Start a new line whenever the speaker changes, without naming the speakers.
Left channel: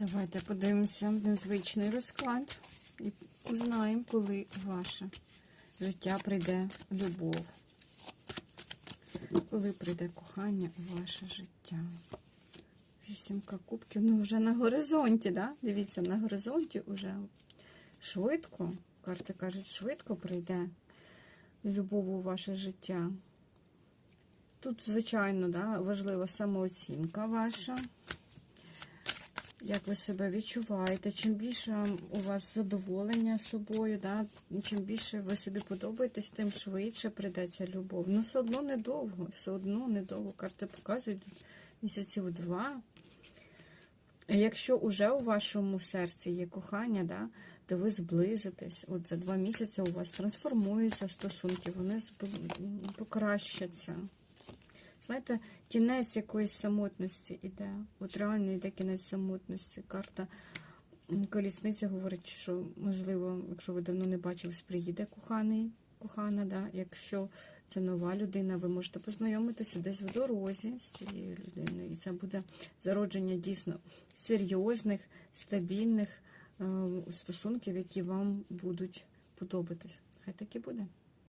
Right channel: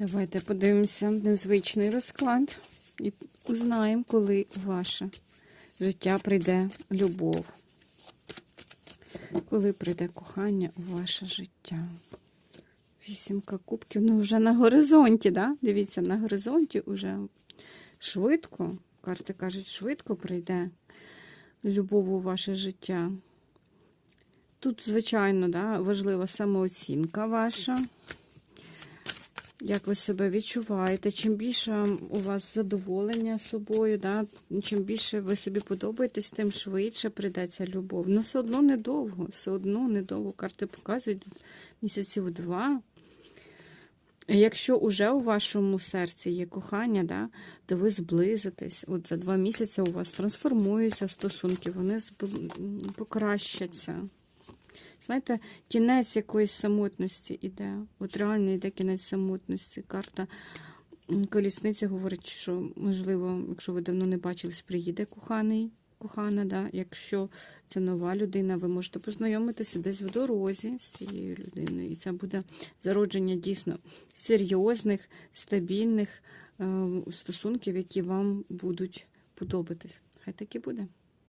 Давайте подивимося незвичний розклад і узнаємо, коли ваше життя прийде любов. Коли прийде кохання у ваше життя. Вісімка кубків, ну вже на горизонті, да? Дивіться, на горизонті вже швидко, карти кажуть, швидко прийде любов у ваше життя. Тут, звичайно, да, важлива самооцінка ваша. Як ви себе відчуваєте? Чим більше у вас задоволення собою, да? чим більше ви собі подобаєтесь, тим швидше прийде ця любов. Ну, все одно недовго, все одно недовго. Карти показують місяців два. Якщо уже у вашому серці є кохання, да, то ви зблизитесь. От за два місяці у вас трансформуються стосунки, вони покращаться. Знаєте, кінець якоїсь самотності іде. От реально йде кінець самотності. Карта м, колісниця говорить, що, можливо, якщо ви давно не бачились, приїде коханий, кохана. Да? Якщо це нова людина, ви можете познайомитися десь в дорозі з цією людиною. І це буде зародження дійсно серйозних, стабільних е, стосунків, які вам будуть подобатись. Хай так і буде.